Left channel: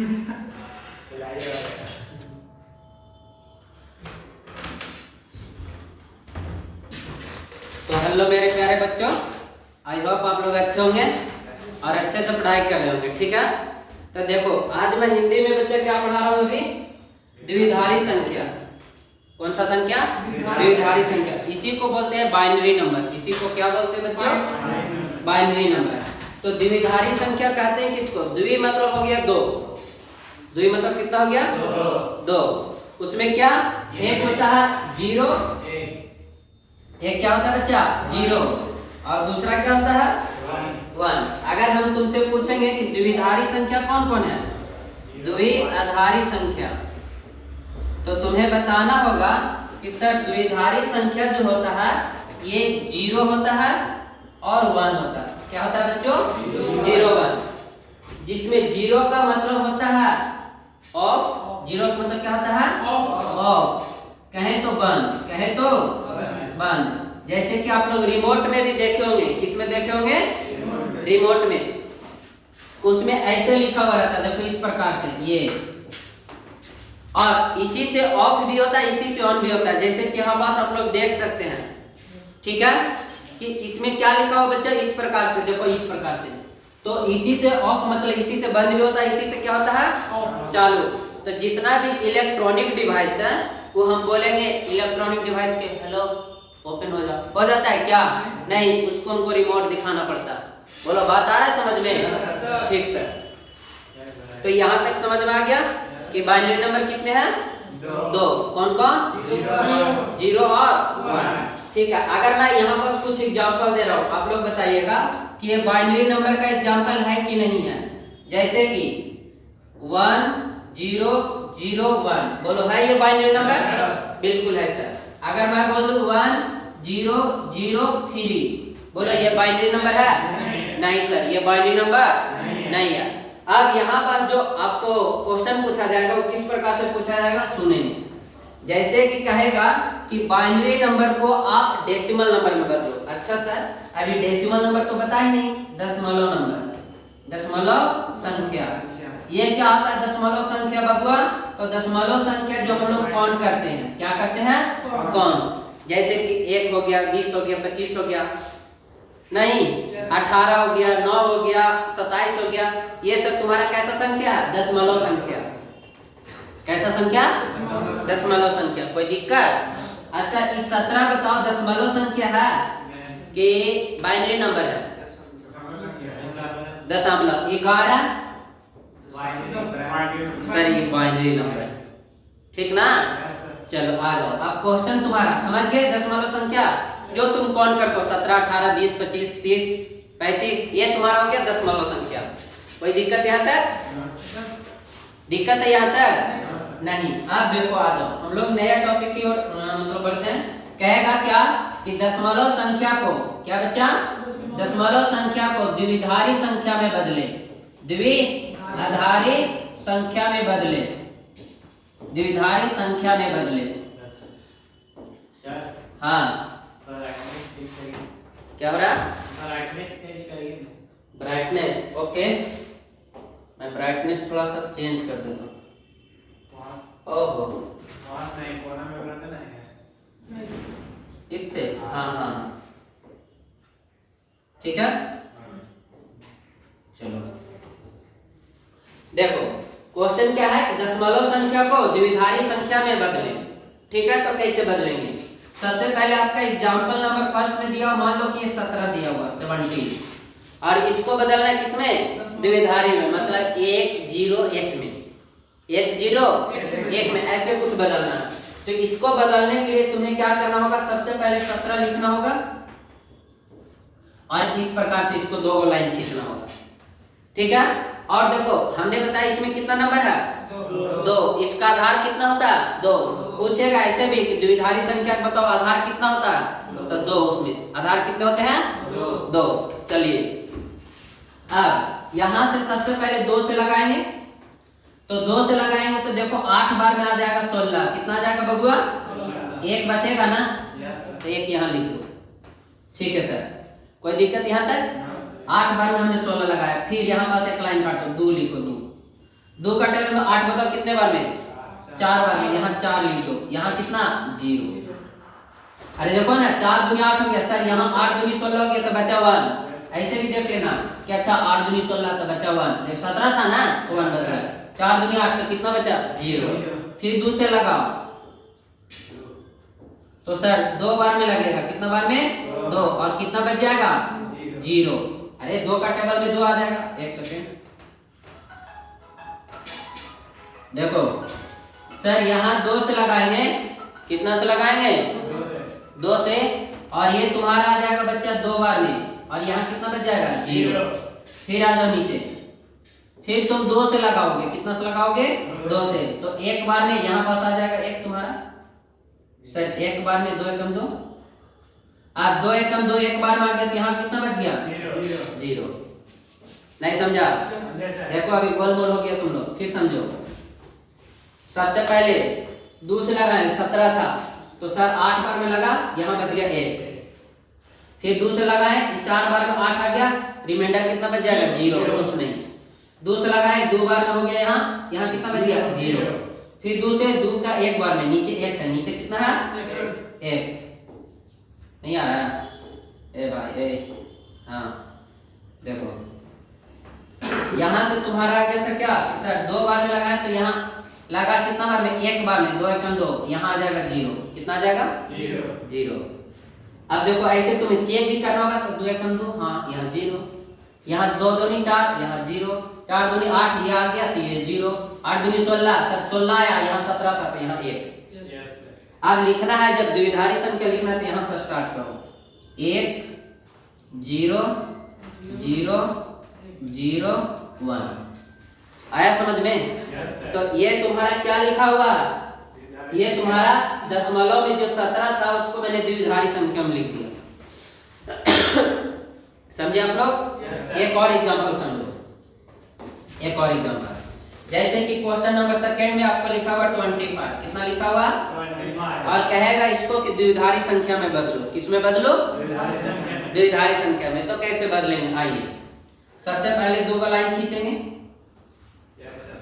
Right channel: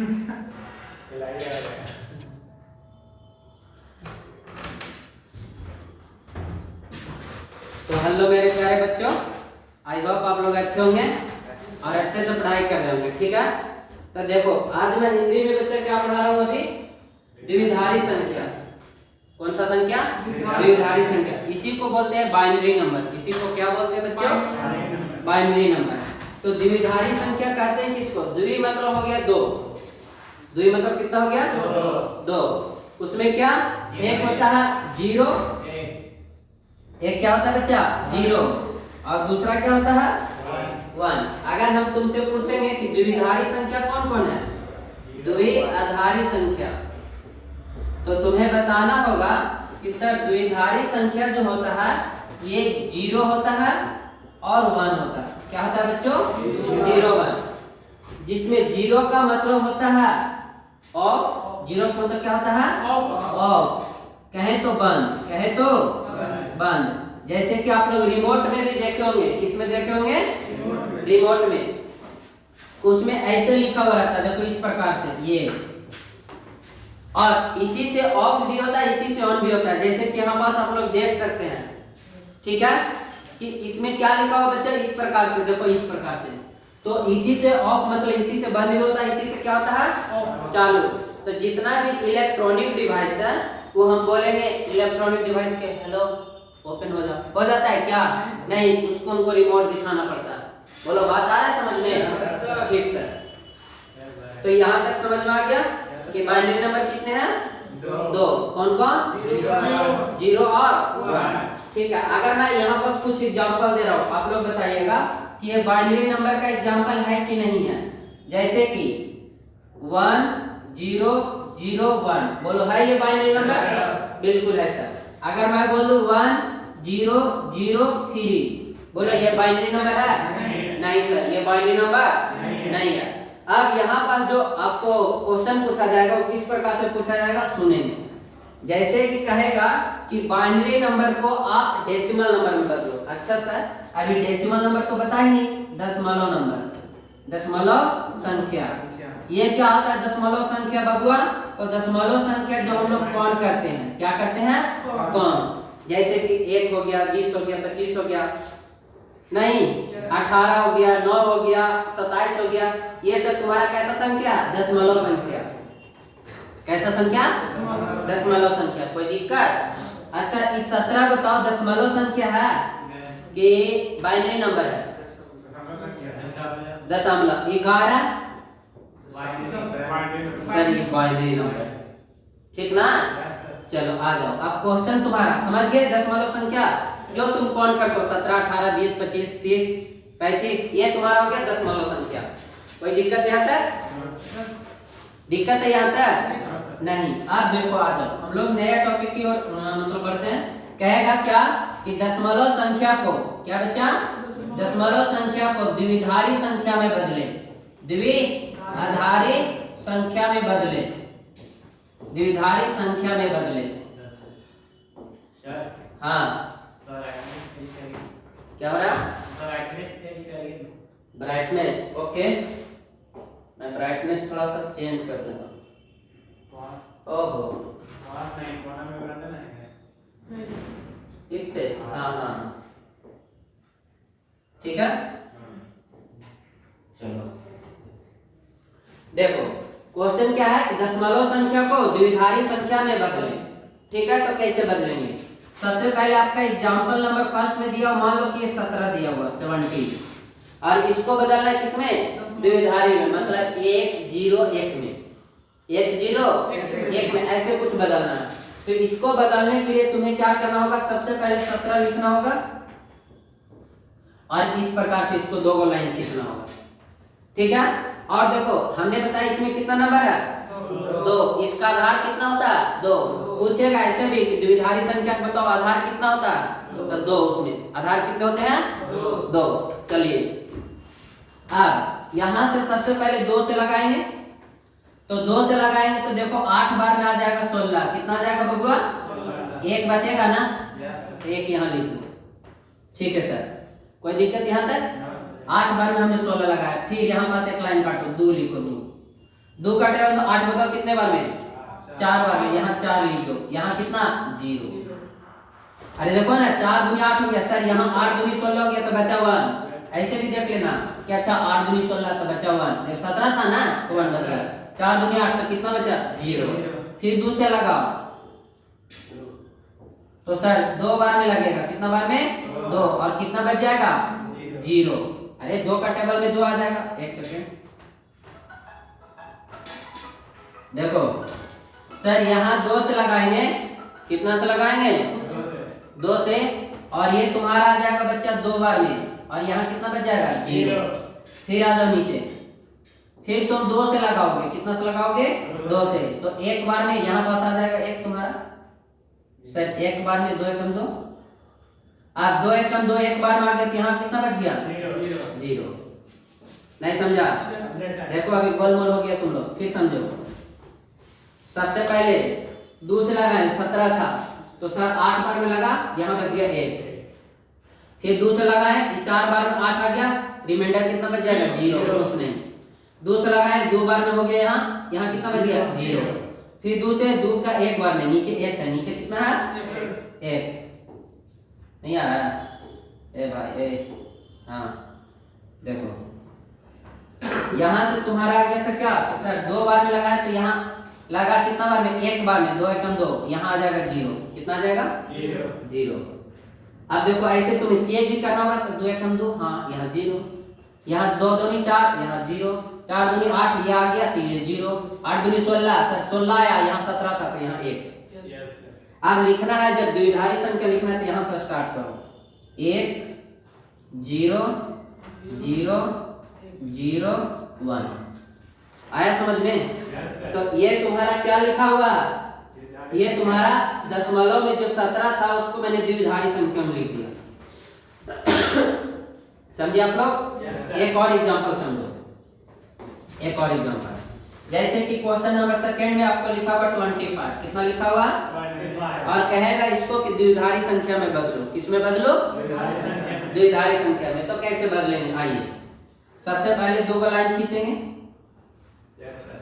तो हेलो मेरे प्यारे बच्चों, आई होप आप लोग अच्छे होंगे और अच्छे से पढ़ाई कर रहे होंगे। ठीक है, तो देखो आज मैं हिंदी में बच्चा क्या पढ़ा रहा हूँ अभी, द्विधारी संख्या। कौन सा संख्या? द्विधारी संख्या। इसी को बोलते हैं बाइनरी नंबर। इसी को क्या बोलते हैं बच्चों? Binary number. तो द्विधारी संख्या कहते हैं किसको? द्वि मतलब हो गया दो। द्वि मतलब कितना हो गया? दो। उसमें क्या एक होता है जीरो, एक क्या होता है बच्चा? जीरो, और दूसरा क्या होता है? वन। अगर हम तुमसे पूछेंगे कि द्विधारी संख्या कौन कौन है, द्विआधारी संख्या, तो तुम्हें बताना होगा कि सर द्विधारी संख्या जो होता है ये जीरो होता है और वन होता है। क्या होता है बच्चों? Zero one. जिसमें जीरो का मतलब होता है ऑफ, जीरो का मतलब क्या होता है? ऑफ। कहें तो बंद, कहें तो बंद। जैसे कि आप लोग रिमोट में भी देखे होंगे। किसमें देखे होंगे? रिमोट में। उसमें ऐसे लिखा हुआ रहता है, देखो इस प्रकार से ये, और इसी से ऑफ भी होता है, इसी से ऑन भी होता है। जैसे कि यहाँ पास आप लोग देख सकते हैं, ठीक है, कि इसमें क्या लिखा हुआ बच्चा? इस प्रकार से, देखो इस प्रकार से। तो इसी से ऑफ मतलब इसी से बंद भी होता है, इसी से क्या होता है? चालू। तो जितना भी इलेक्ट्रॉनिक डिवाइस है वो हम बोलेंगे इलेक्ट्रॉनिक डिवाइस के हेलो ओपन हो जाता है क्या? नहीं, उसको हमको रिमोट दिखाना पड़ता है। बोलो बात आ रहा है समझ में? ठीक सर। तो यहाँ तक समझ में आ गया कि बाइनरी नंबर कितने हैं? दो। कौन कौन? जीरो और वन। ठीक है, अगर मैं यहाँ पर कुछ एग्जांपल दे रहा हूँ, आप लोग बताइएगा कि ये बाइनरी नंबर का एग्जांपल है कि नहीं है। जैसे कि 1 0 0 1, बोलो है ये बाइनरी नंबर? बिल्कुल है सर। अगर मैं बोल दूं 1 0 0 3, बोलो ये बाइनरी नंबर है? नहीं सर, ये बाइनरी नंबर नहीं है। अब यहाँ पर जो आपको क्वेश्चन पूछा जाएगा वो किस प्रकार से पूछा जाएगा सुनेंगे। जैसे कि कहेगा कि बाइनरी नंबर को आप डेसिमल नंबर में बदलो। अच्छा सर, अभी डेसिमल नंबर तो बता ही नहीं, दशमलव नंबर, दशमलव संख्या। ये क्या होता है दशमलव संख्या बबुआ? तो दशमलव संख्या जो हम लोग काउंट करते हैं, क्या करते हैं? काउंट। जैसे कि 1 हो गया, 20 हो गया, 25 हो गया, नहीं 18 हो गया, 9 हो गया, 27 हो गया, ये सब तुम्हारा कैसा संख्या है? दशमलव संख्या। कैसा संख्या? दशमलव संख्या। कोई दिक्कत? अच्छा, इस 17 बताओ दशमलव संख्या है कि बाइनरी नंबर है? दशमलव। 11 सर ये बाइनरी नंबर, ठीक ना? चलो आ जाओ, अब क्वेश्चन तुम्हारा समझ गए। दशमलव संख्या जो तुम कौन करते हो, 17 18 20 25 30 35, ये तुम्हारा हो गया दशमलव संख्या। कोई दिक्कत यहाँ तक? दिक्कत है यहाँ तक? नहीं। अब देखो आ जाओ, हम लोग नया टॉपिक की ओर मतलब बढ़ते हैं। कहेगा क्या कि दशमलव संख्या को, क्या बच्चा? दशमलव संख्या को द्विधारी संख्या में बदले, द्विआधारी संख्या में बदले, द्विधारी संख्या में बदले। हाँ क्या हो रहा? ब्राइटनेस। ओके, मैं ब्राइटनेस थोड़ा सा चेंज कर देता हूँ। ओहो, इससे हाँ हाँ ठीक है। चलो देखो क्वेश्चन क्या है, दशमलव संख्या को द्विधारी संख्या में बदलें। ठीक है, तो कैसे बदलेंगे? सबसे पहले आपका एग्जांपल नंबर फर्स्ट में दिया, मान लो कि ये 17 दिया हुआ 17, और इसको बदलना है किसमें? द्विधारी में, मतलब 1 0 1 में, 1 0 1 में, ऐसे कुछ बदलना है। तो इसको बदलने के लिए तुम्हें क्या करना होगा? सबसे पहले 17 लिखना होगा और इस प्रकार से इसको 2 लाइन खींचना होगा। ठीक है, और देखो हमने बताया इसमें कितना नंबर है? 2। इसका आधार कितना होता है? 2। पूछेगा ऐसे भी कि द्विधारी संख्या बताओ आधार कितना होता है? तो 2। उसमें आधार कितने होते हैं? 2। चलिए अब यहां से सबसे पहले 2 से लगाएंगे, तो 2 से लगाएंगे तो देखो 8 बार में आ जाएगा 16। कितना आ जाएगा बबुआ? 1 बचेगा ना, तो 1 यहाँ लिख दो। ठीक है सर, कोई दिक्कत यहाँ तक? 8 बार में हमने 16 लगाया। फिर यहाँ पास एक लाइन काटो, 2 लिखो, 2 2 का टेबल में 8 बताओ कितने बार में? 4 बार में। यहाँ 4 लिख दो, यहाँ कितना? 0। अरे देखो ना 4 दूनी 8 हो गया सर, यहाँ 8 दूनी 16 हो गया तो बचा 1। ऐसे भी देख लेना कि अच्छा 8 दूनी 16 तो बचा 1, देख 17 था ना तो 1 बच गया। 4 दूनी 8 तो कितना बचा? 0। फिर 2 से लगाओ तो सर 2 बार में लगेगा, कितना बार में? 2, और कितना बच जाएगा? 0। अरे 2 का टेबल में 2 आ जाएगा। एक सेकेंड देखो सर, यहाँ 2 से लगाएंगे, कितना से लगाएंगे? 2 से, और ये तुम्हारा आ जाएगा बच्चा 2 बार में, और यहाँ कितना बच जाएगा? 0। फिर आ जाओ नीचे, फिर तुम 2 से लगाओगे, कितना से लगाओगे? 2 से, तो 1 बार में यहाँ पास आ जाएगा 1 तुम्हारा सर, 1 बार में 2 एकम 2, आप 2 एकम 2 1 बार में आ गया तो यहाँ कितना बच गया? 0। नहीं समझा? देखो अभी गोलमोल हो गया तुम लोग, फिर समझो। सबसे पहले 2 से लगाए 17 था तो सर 8 बार में लगा, यहाँ बच गया 1। फिर 2 से लगाए 4 बार में 8 आ गया, रिमाइंडर कितना बच जाएगा? 0, कुछ नहीं। 2 से लगाए 2 बार में हो गया, यहाँ कितना बच गया? 0। फिर 2 से 2 का 1 बार में, नीचे 1 है, नीचे कितना है? 1। नहीं आ रहा है? ए भाई ए, हाँ देखो यहाँ से तुम्हारा आ गया था क्या सर? 2 बार में लगाया तो यहाँ लगा कितना बार में? 1 बार में, 2 एकम 2, यहाँ आ जाएगा 0। कितना आ जाएगा? 0। अब देखो ऐसे तुम्हें चेक भी करना होगा तो 2 एकम 2, हाँ यहाँ 0, यहाँ 2 दूनी 4, यहाँ 0, 4 दूनी 8, ये आ गया तो ये 0, 8 दूनी 16 सर, 16 आया, यहाँ 17 था तो यहाँ 1। अब लिखना है, जब द्विधारी संख्या लिखना है तो यहाँ से स्टार्ट करो, 1 0 0 0 1। आया समझ में? तो ये तुम्हारा क्या लिखा हुआ? ये तुम्हारा दशमलव में जो 17 था उसको मैंने द्विधारी संख्या में लिख दिया। समझे आप लोग? एक और एग्जांपल समझो, एक और एग्जांपल, जैसे कि क्वेश्चन नंबर सेकंड में आपका लिखा हुआ 25, कितना लिखा हुआ? 25। और कहेगा इसको कि द्विधारी संख्या में बदलो। किसमें बदलो? द्विधारी संख्या में। तो कैसे बदलेंगे? आइए सबसे पहले 2 को लाइन खींचेंगे,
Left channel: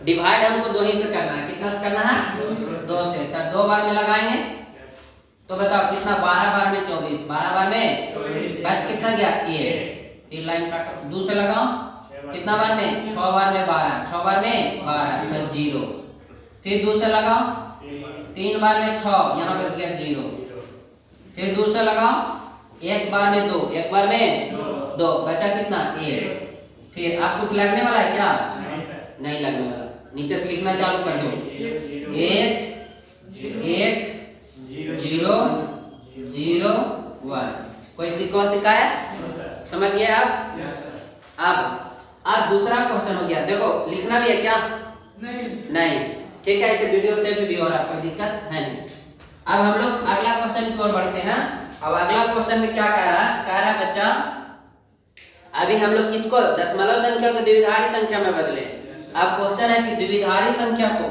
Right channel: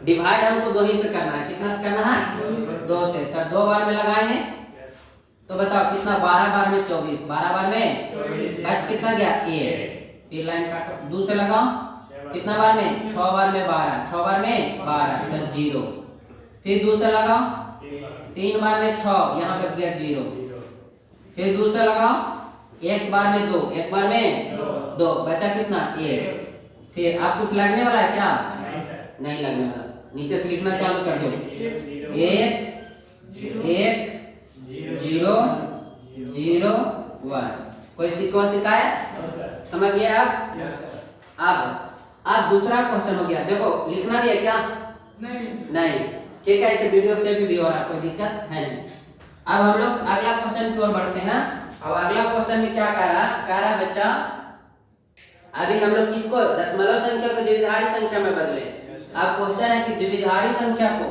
डिवाइड हमको 2 ही से करना है, कितना से करना है? 2 से। सर 2 बार में लगाएंगे तो बताओ कितना? 12 बार में 24, 12 बार में 24, बच कितना गया? 1। फिर लाइन काटो, 2 से लगाओ, कितना बार में? 6 बार में 12, 6 बार में 12 सर 0। फिर 2 से लगाओ, 3 बार में 6, यहाँ बच गया 0। फिर 2 से लगाओ, 1 बार में 2, 1 बार में 2, बचा कितना? 1। फिर आप कुछ लगने वाला है क्या? नहीं लगने वाला, नीचे से लिखना चालू कर दो, 1 1 0 0 1। कोई शिकायत? समझ गए आप? अब दूसरा क्वेश्चन हो गया, देखो लिखना भी है क्या? नहीं। ठीक है, इसे वीडियो सेव भी हो रहा है, कोई दिक्कत है नहीं। अब हम लोग अगला क्वेश्चन की ओर बढ़ते हैं। अब अगला क्वेश्चन में क्या कह रहा है बच्चा? अभी हम लोग किसको? दशमलव संख्या को द्विधारी संख्या में बदले। अब क्वेश्चन है कि द्विधारी संख्या को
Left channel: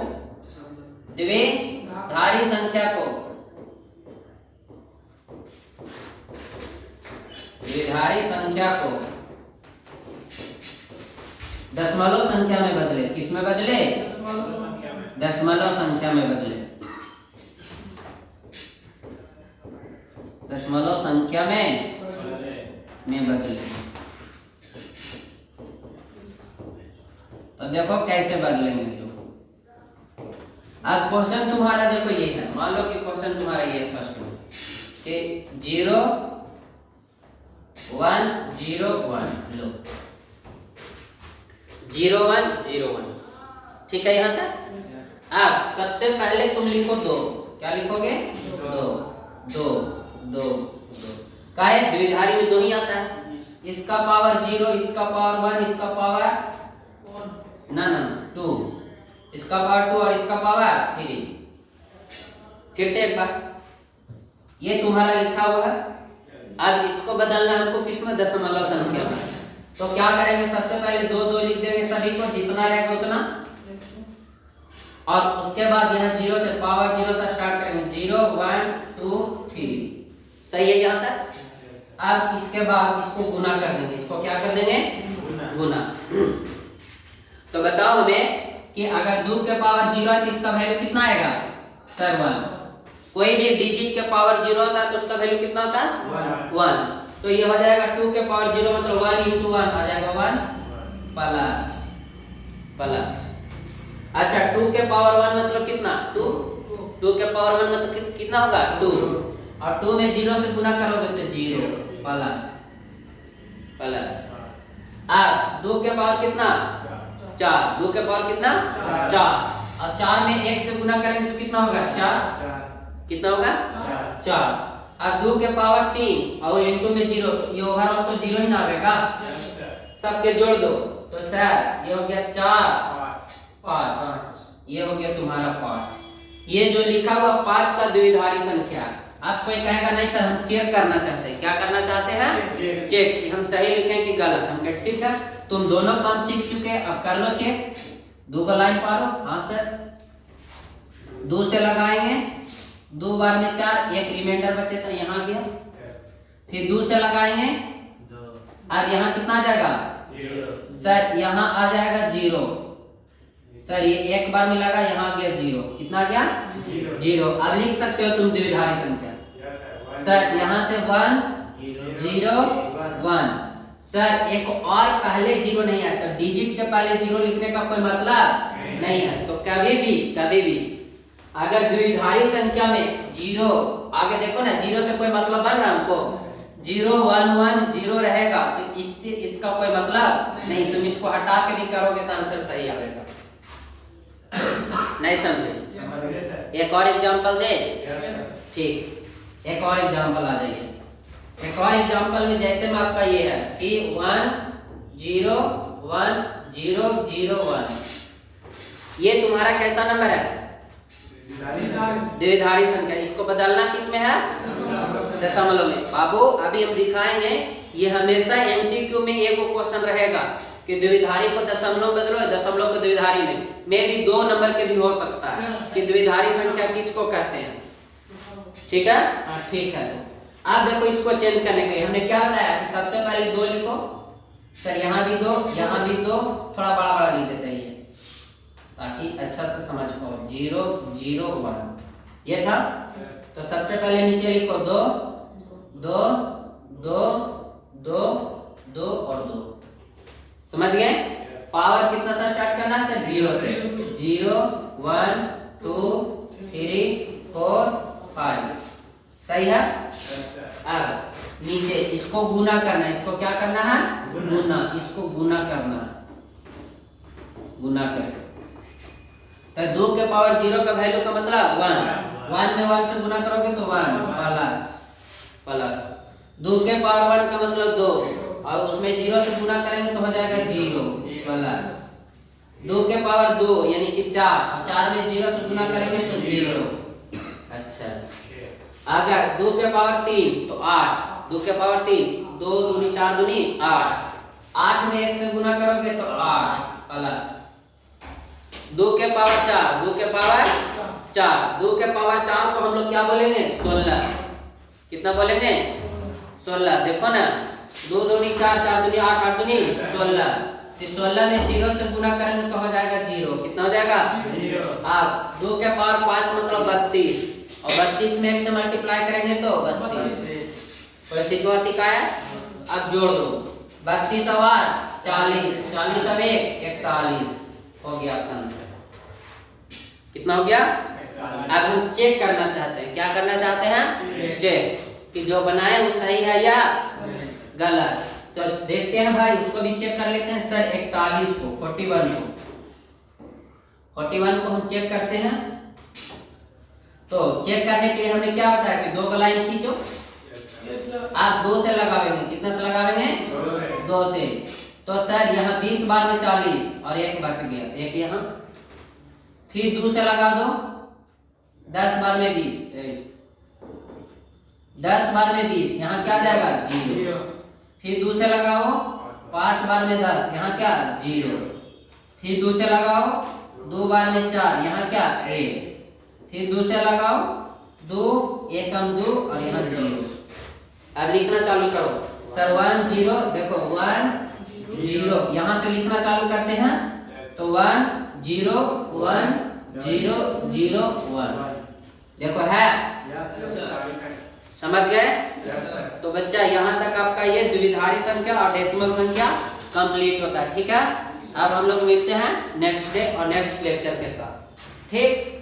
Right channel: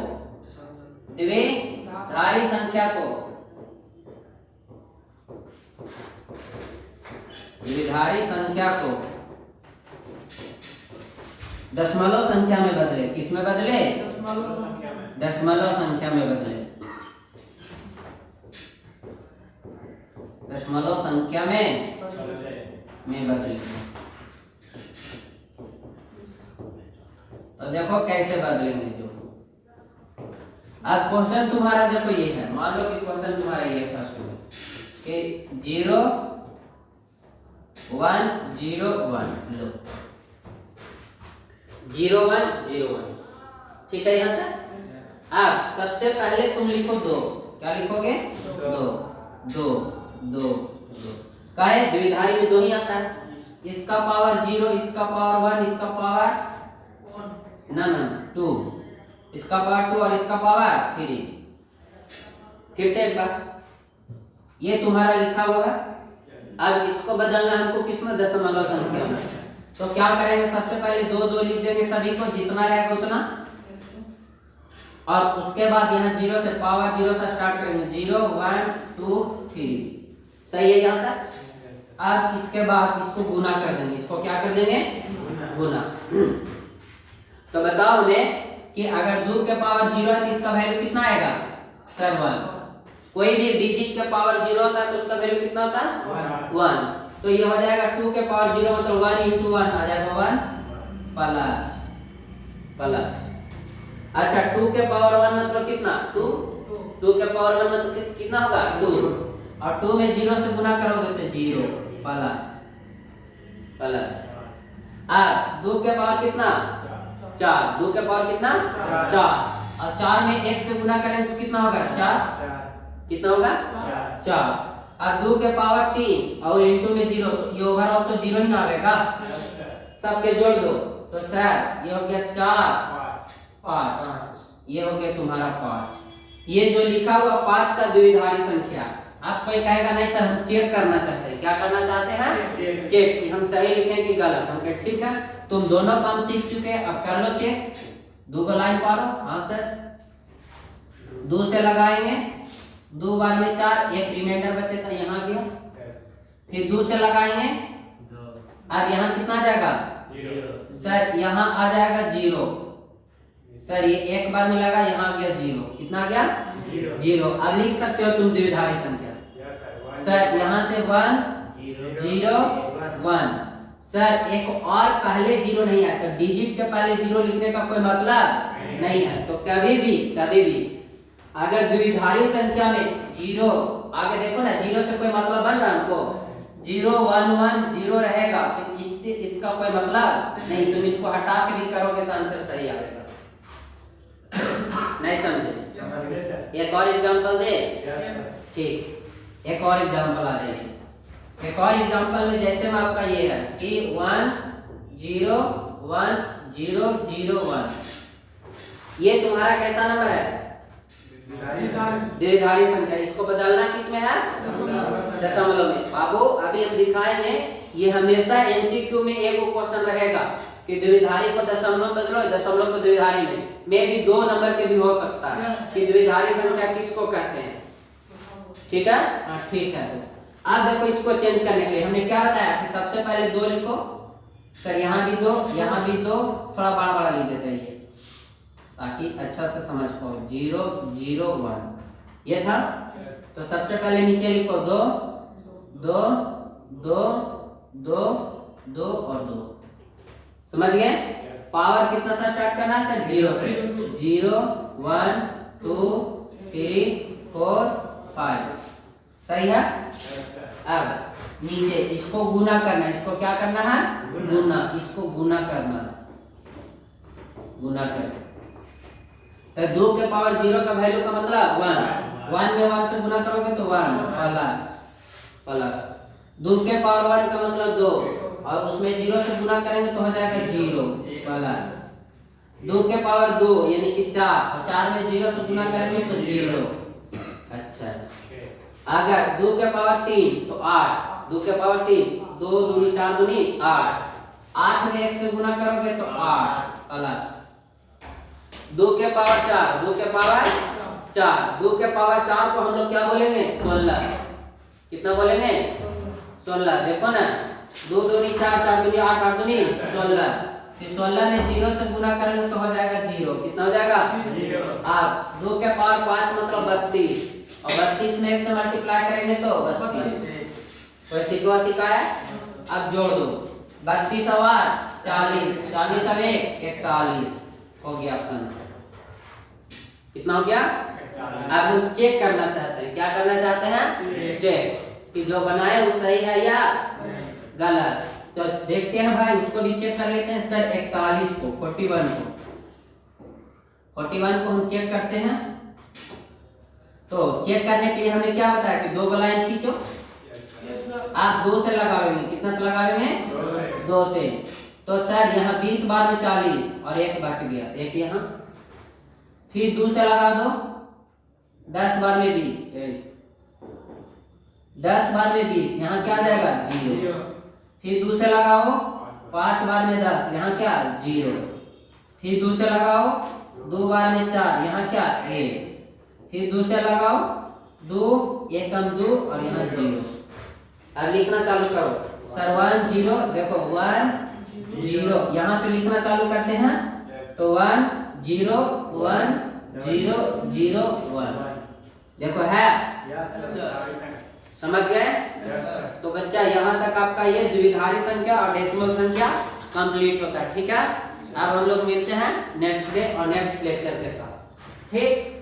दशमलव संख्या में बदले। किस में बदले? दशमलव संख्या में बदले। दशमलव संख्या में बदले। तो देखो कैसे बदलेंगे। जो अब क्वेश्चन तुम्हारा देखो ये है, मान लो कि क्वेश्चन तुम्हारा ये फर्स्ट में कि 0 1 0 1 लो, 0 1 0 1, ठीक है यहाँ तक। अब सबसे पहले तुम लिखो 2, क्या लिखोगे? 2 2 2 2। काहे? द्विधारी में 2 ही आता है, इसका पावर 0, इसका पावर 1, इसका पावर ना 2, इसका पावर 2 और इसका पावर 3। फिर से एक बार, ये तुम्हारा लिखा हुआ है। अब इसको बदलना हमको किसमें? दशमलव संख्या में। तो क्या करेंगे? सबसे पहले 2 2 लिख देंगे सभी को, जितना रहेगा उतना, और उसके बाद यहाँ 0 से पावर 0 से स्टार्ट करेंगे, 0 1 2 3। सही है यहाँ तक? अब इसके बाद इसको गुना कर देंगे। इसको क्या कर देंगे? गुना। तो बताओ हमें कि अगर 2 के पावर 0 है तो इसका वैल्यू कितना आएगा सर 1। कोई भी डिजिट के पावर 0 होता है तो उसका वैल्यू कितना होता है 1। तो ये हो जाएगा 2 के पावर 0 मतलब 1 × 1 आ जाएगा 1 प्लस। अच्छा 2 के पावर 1 मतलब कितना 2। 2 के पावर 1 मतलब कितना होगा 2 और 2 में 0 से गुना करोगे तो 0 प्लस। अब 2 के पावर कितना 4। 2 के पावर कितना 4 और 4 में 1 से गुना करेंगे तो कितना होगा 4। कितना होगा 4। अब 2 के पावर 3 और इनटू में 0 तो ये ओवरऑल तो 0 ही ना आएगा। सबके जोड़ दो तो सर ये हो गया 4 5 ये हो गया तुम्हारा 5। ये जो लिखा हुआ 5 का द्विधारी संख्या। आप कोई कहेगा नहीं सर हम चेक करना चाहते हैं। क्या करना चाहते हैं चेक कि हम सही लिखें कि गलत। हम कहे ठीक है तुम दोनों काम सीख चुके हैं अब कर लो चेक। 2 को लाइन पारो हाँ सर 2 से लगाएंगे 2 बार में 4 एक रिमाइंडर बचे था यहाँ गया। फिर 2 से लगाएंगे अब यहाँ कितना जाएगा सर यहाँ आ जाएगा 0। सर ये एक बार में लगा यहाँ गया 0। कितना गया 0। अब लिख सकते हो तुम द्विधारी संख्या। सर यहाँ से 1 0 1। सर एक और पहले 0 नहीं आया तो डिजिट के पहले 0 लिखने का कोई मतलब नहीं है। तो कभी भी अगर द्विधारी संख्या में 0 आगे देखो ना 0 से कोई मतलब बन रहा हमको 0 1 1 0 रहेगा तो इससे इसका कोई मतलब नहीं। तुम इसको हटा के भी करोगे तो आंसर सही आएगा। नहीं समझे। एक और एग्जांपल दे ठीक। एक और एग्जांपल आ जाइए। एक और एग्जांपल में जैसे में आपका ये है कि 1 0 1 0 0 1 ये तुम्हारा कैसा नंबर है द्विधारी संख्या। इसको बदलना किसमें है दशमलव में। बाबू अभी हम दिखाएंगे ये हमेशा एमसीक्यू में एक क्वेश्चन रहेगा कि द्विधारी को दशमलव बदलो दशमलव को द्विधारी में भी 2 नंबर के भी हो सकता है कि द्विधारी संख्या किसको कहते हैं। ठीक है ठीक है। तो अब देखो इसको चेंज करने के लिए हमने क्या बताया कि सबसे पहले 2 लिखो। सर यहाँ भी 2 यहाँ भी 2 थोड़ा बड़ा लिख देते हैं ये ताकि अच्छा से समझ पाओ 0 0 1 ये था। तो सबसे पहले नीचे लिखो 2 2 2 2 2 और 2। समझ गए। पावर कितना से स्टार्ट करना है सर 0 से 0 1 2 3 4 5 सही है। अब नीचे इसको गुना करना है। इसको क्या करना है गुना। इसको गुना करना गुना करके तो 2 के पावर 0 का वैल्यू का मतलब 1 में 1 से गुना करोगे तो 1 प्लस 2 के पावर 1 का मतलब 2 और उसमें 0 से गुना करेंगे तो हो जाएगा 0 प्लस 2 के पावर 2 यानी कि 4 और 4 में 0 से गुना करेंगे तो 0। अच्छा अगर 2 के पावर 3 तो 8 2 के पावर 3 2 दूनी 4 दूनी 8 8 में 1 से गुना करोगे तो 8 प्लस 2 के पावर 4 2 के पावर 4 2 के पावर 4 को हम लोग क्या बोलेंगे 16। कितना बोलेंगे 16। देखो ना 2 दूनी 4 4 दूनी 8 8 दूनी 16। तो 16 में 0 से गुना करेंगे तो हो जाएगा 0। कितना हो जाएगा 0। अब 2 के पावर 5 मतलब 32 और 32 में 1 से मल्टीप्लाई करेंगे तो 32। कोई सिखाया। अब जोड़ दो 32 और 40 40 और 1 41 हो गया आपका आंसर। कितना हो गया। अब हम चेक करना चाहते हैं। क्या करना चाहते हैं चेक कि जो बनाए वो सही है या गलत। तो देखते हैं भाई उसको भी चेक कर लेते हैं। सर 41 को 41 को हम चेक करते हैं। तो चेक करने के लिए हमने क्या बताया कि 2 लाइन खींचो। आप 2 से लगावेंगे। कितना से लगावेंगे 2 से। तो सर यहाँ 20 बार में 40 और 1 बच गया एक यहाँ। फिर 2 से लगा दो 10 बार में 20 10 बार में 20 यहाँ क्या जाएगा 0। फिर 2 से लगाओ 5 बार में 10 यहाँ क्या 0। फिर 2 से लगाओ 2 बार में 4 यहाँ क्या 1। फिर 2 से लगाओ 2 1 कम 2 और यहाँ 0। अब लिखना चालू करो सर 1 0 देखो 1 0 यहाँ से लिखना चालू करते हैं तो 1 0 1 0 0 1 देखो है, समझ गए? तो बच्चा यहाँ तक आपका ये द्विधारी संख्या और डेसिमल संख्या कंप्लीट होता है। ठीक है, अब हम लोग मिलते हैं नेक्स्ट डे और नेक्स्ट लेक्चर के साथ। ठीक।